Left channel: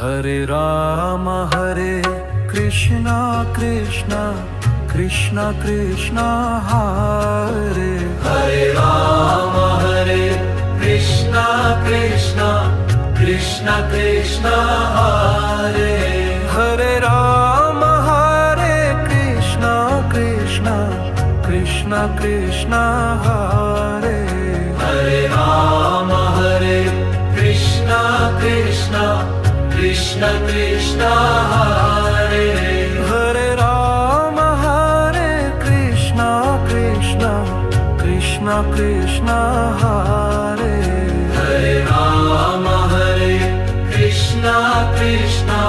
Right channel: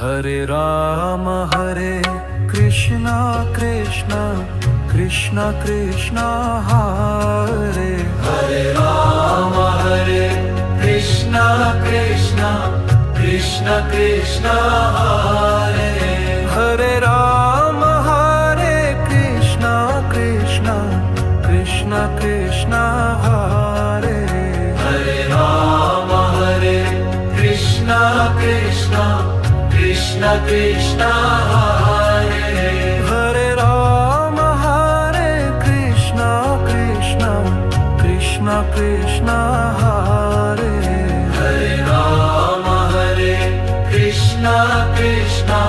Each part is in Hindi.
Hare Krishna Krishna Krishna Krishna Hare Hare Ram Hare Krishna Krishna Krishna Krishna Hare Hare Ram Hare Krishna Krishna Krishna Krishna Hare Hare Ram Hare Krishna Krishna Krishna Krishna Hare Hare Ram Hare Krishna Krishna Krishna Krishna Hare Hare Ram Hare Krishna Krishna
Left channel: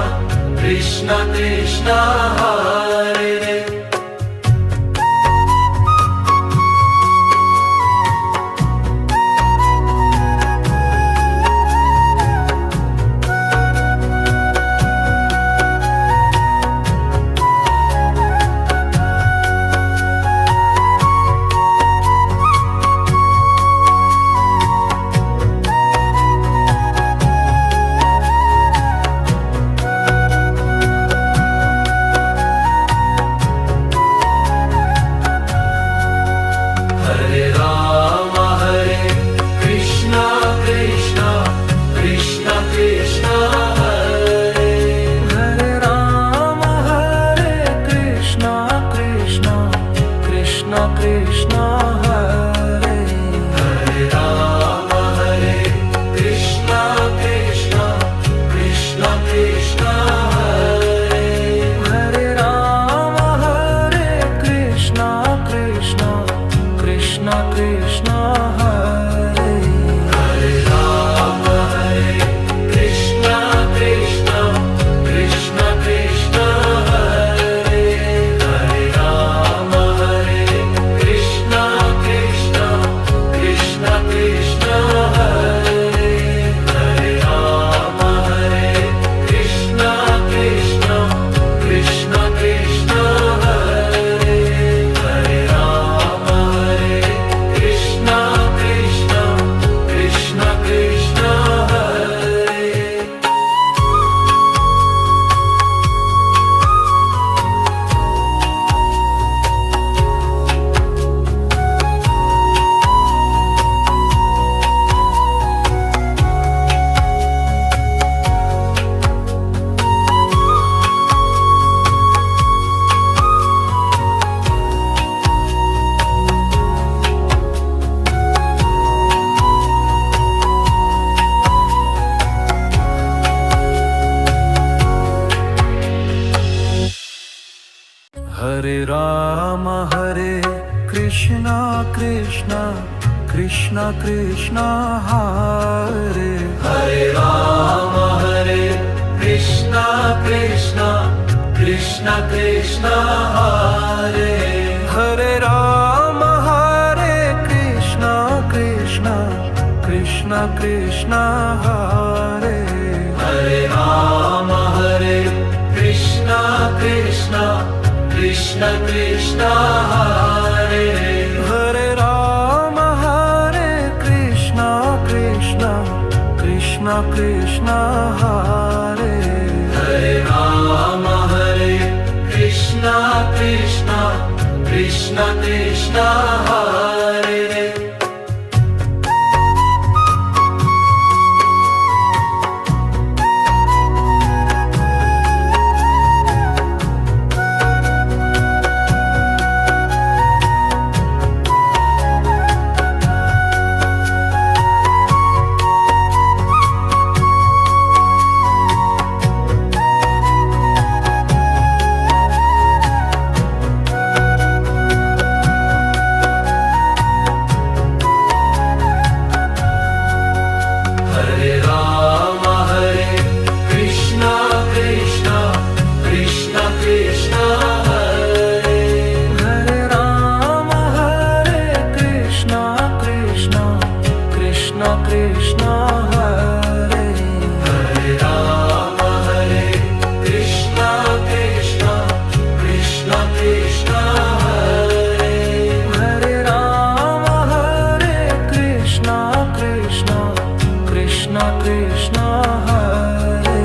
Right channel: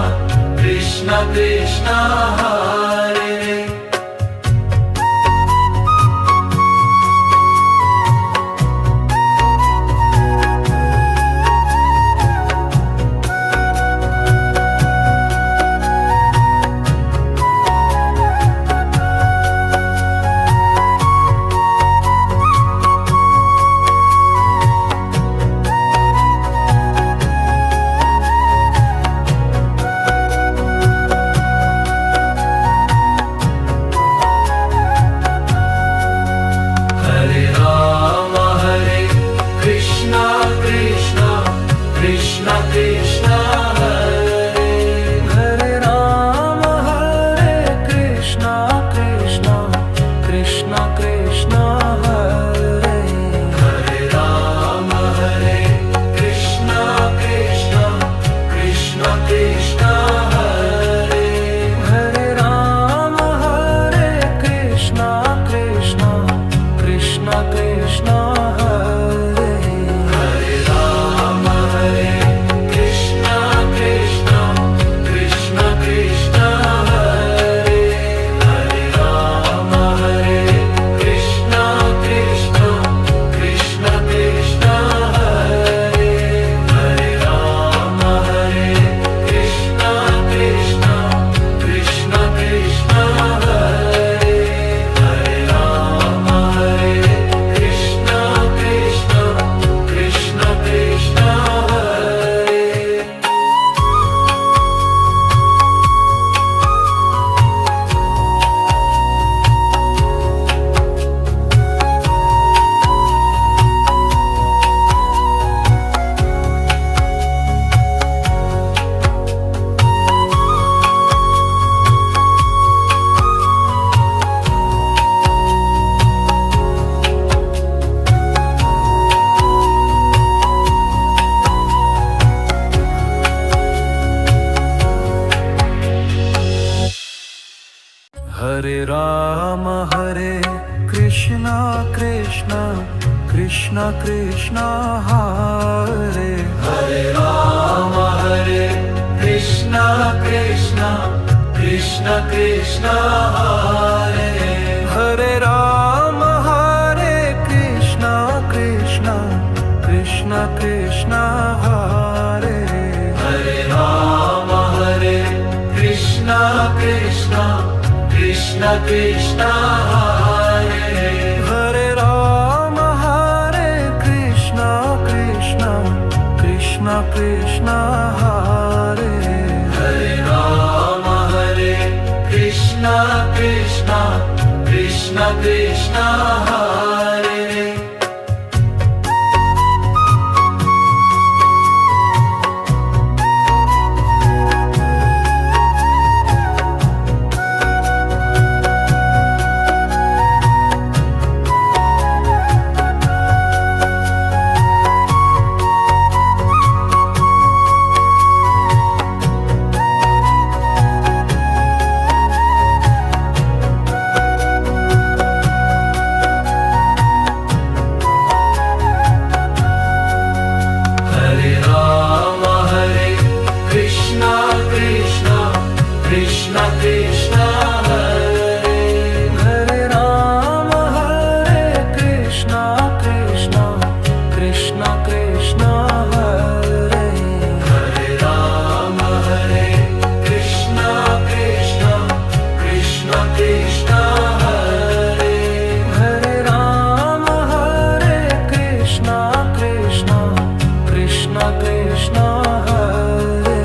Krishna Krishna Hare Krishna Krishna Hare Hare Ram Hare Krishna Krishna Krishna Krishna Hare Hare Ram Hare Krishna Krishna Krishna Krishna Hare Hare Ram Hare Krishna Krishna Krishna Krishna Hare Hare Ram Hare Krishna Krishna Krishna Krishna Hare Hare Ram Hare Krishna Krishna Krishna Krishna Hare Hare Ram Hare Krishna Krishna Krishna Krishna Hare Hare Ram Hare Krishna Krishna Krishna Krishna Hare Hare Ram Hare Krishna Krishna Krishna Krishna Hare Hare Ram Hare Krishna Krishna Krishna Krishna Hare Hare Ram Hare Krishna Krishna Krishna Krishna Hare Hare Ram Hare Krishna Krishna Krishna Krishna Hare Hare Ram Hare Krishna Krishna Krishna Krishna Hare Hare Ram Hare Krishna Krishna Krishna Krishna Hare Hare Ram Hare Krishna Krishna Krishna Krishna Hare Hare Ram Hare Krishna Krishna Krishna Krishna Hare Hare Ram Hare Krishna Krishna Krishna Krishna Hare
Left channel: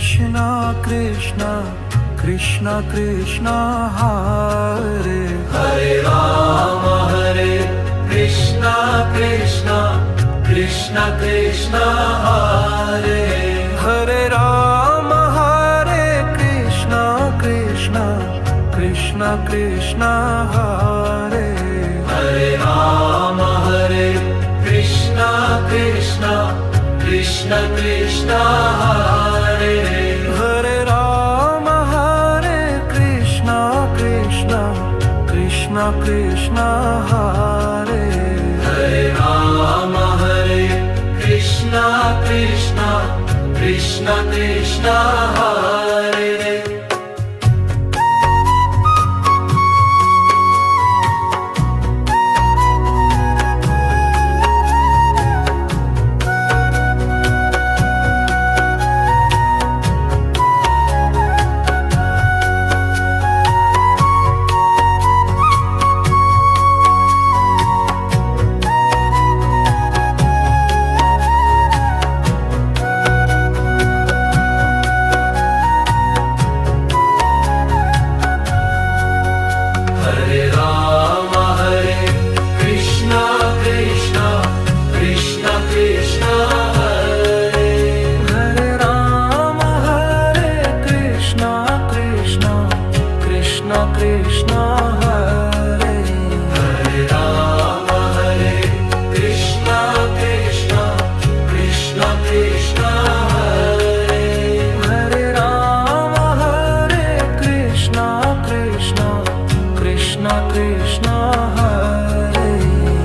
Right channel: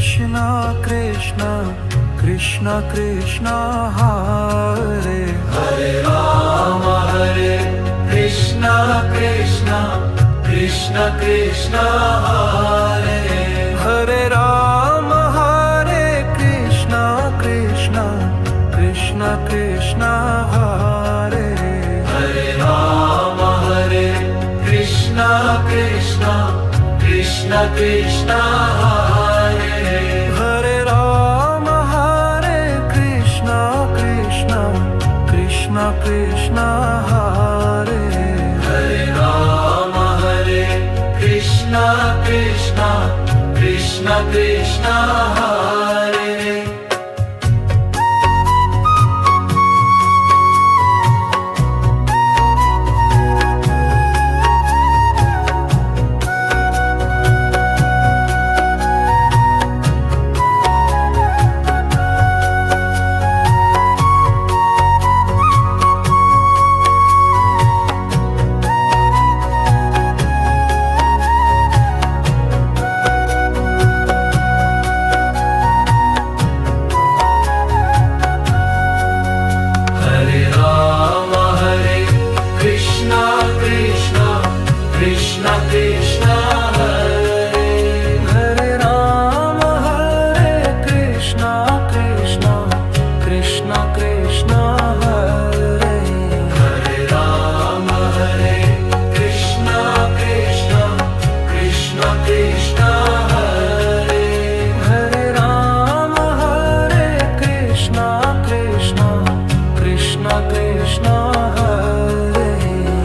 Krishna Krishna Krishna Krishna Hare Hare Rama Hare Krishna Krishna Krishna Krishna Hare Hare Rama Hare Krishna Krishna Krishna Krishna Hare Hare Rama Hare Krishna Krishna Krishna Krishna Hare Hare Rama Hare Krishna Krishna Krishna Krishna Hare Hare Rama Hare Krishna Krishna Krishna Krishna Hare Hare Rama Hare Krishna Krishna Krishna Krishna Hare Hare Rama Hare Krishna Krishna Krishna Krishna Hare Hare Rama Hare Krishna Krishna Krishna Krishna Hare Hare Rama Hare Krishna Krishna Krishna Krishna Hare